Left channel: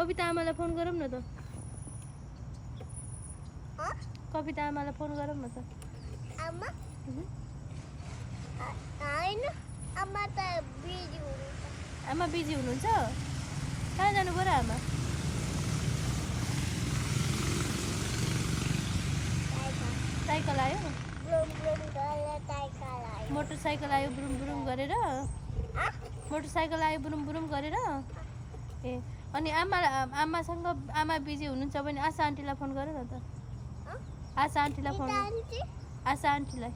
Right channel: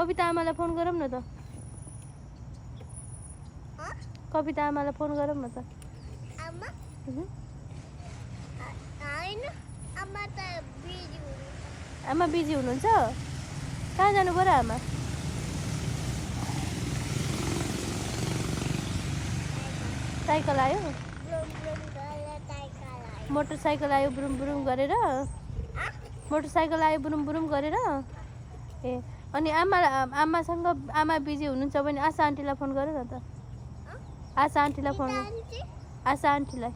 कविता आमालाई फोन गरौँ न त कविता आमालाई फोन गरौँ न त आमा हैन आमा त बिजी हुनुहुन्छ आमा बिजी हुनुहुन्छ कहाँ जानु पर्यो आमा साइकल आयो मोटरसाइकल आयो बुरुम बुरुम गरेर मोटरसाइकल आयो बुरुम बुरुम गरेर ए अनि आमासँग आमा बिजी हुनुहुन्छ भने आशा आन्टीलाई फोन गर न त आशा आन्टीलाई फोन आशा आन्टीलाई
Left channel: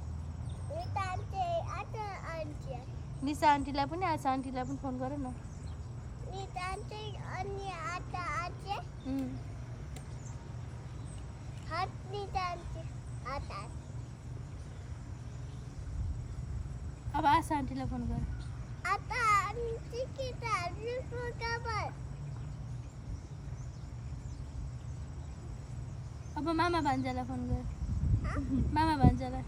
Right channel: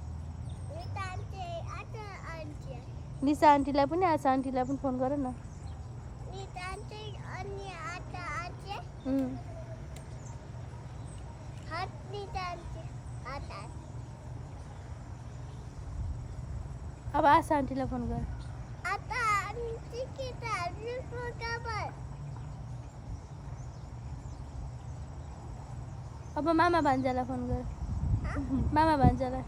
निशा आन्टीलाई पनि आशा आन्टीलाई पनि फोन गर न अब आशा आन्टीलाई फोन गर अब मामा भान्जालाई फोन गर मामा भान्जालाई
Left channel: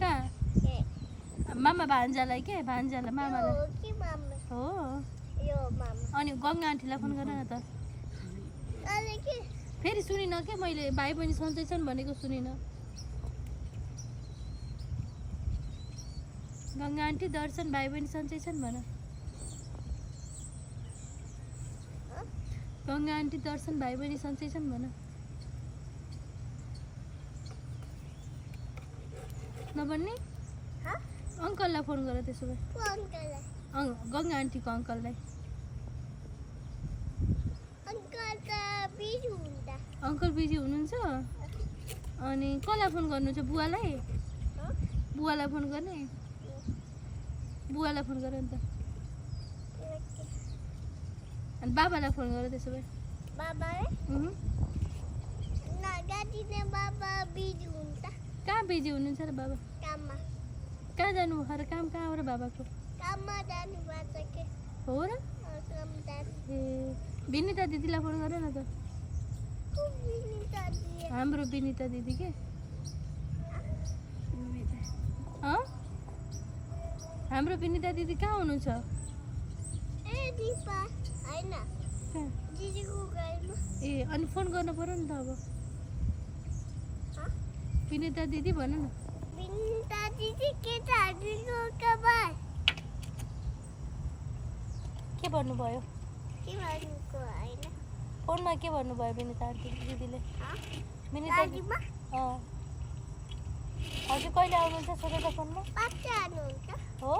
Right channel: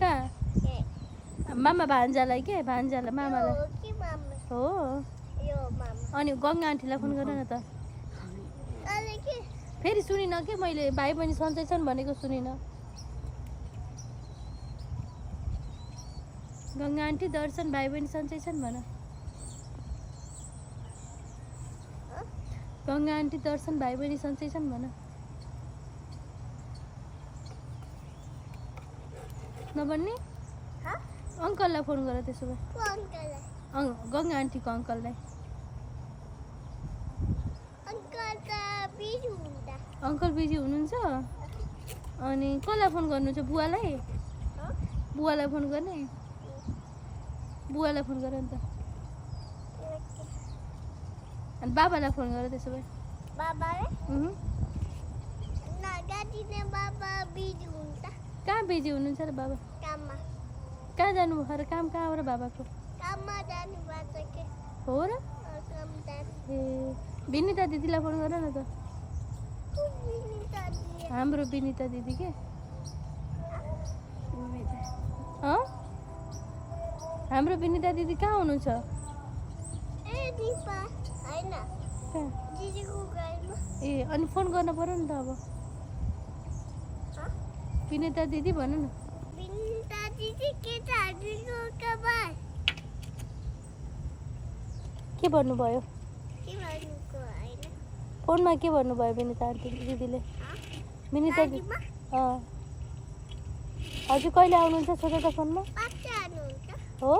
कहाँ मामा भान्जालाई के भान्जालाई मामालाई हो अनि गङ्गा आन्टीलाई फोन गर न त फेरि सुनिन के मैले भाइ बहिनी सन्चै छन् भनेको सुनिन गङ्गा आन्टी दर्शन भाइ बहिनी सन्चै छन् भन गङ्गा आन्टी दर्शन भाइ बहिनी सन्चै छन् भन नभन्ने अङ्कललाई फोन गर त्यसो भए गङ्गा आन्टीको अङ्कललाई अङ्कल बिजी हुनुहुन्छ अनि कसलाई फोन गर्नु छ बुवालाई बुवालाई फोन गर्ने बुवालाई फोन गर नि त अनि बाबालाई फोन गर त्यसो भए कहाँ बिजी हुनुहुन्छ र बाबा कहाँ जानुभयो र काम कहाँ हो र बाबाको हो र ए विनिता दिदीलाई फोन गर न त हाम्रो विनिता दिदी के हाम्रो विनिता दिदी कहाँ हुनुहुन्छ ए अनि फोन गर्न पर्यो नि त अब विनिता दिदी भन न के भन्नुभयो फोनमा के भन्नुभयो विनिता दिदीले विनिता हजुर कहिले आउनुहुन्छ सोध त फोनमा हो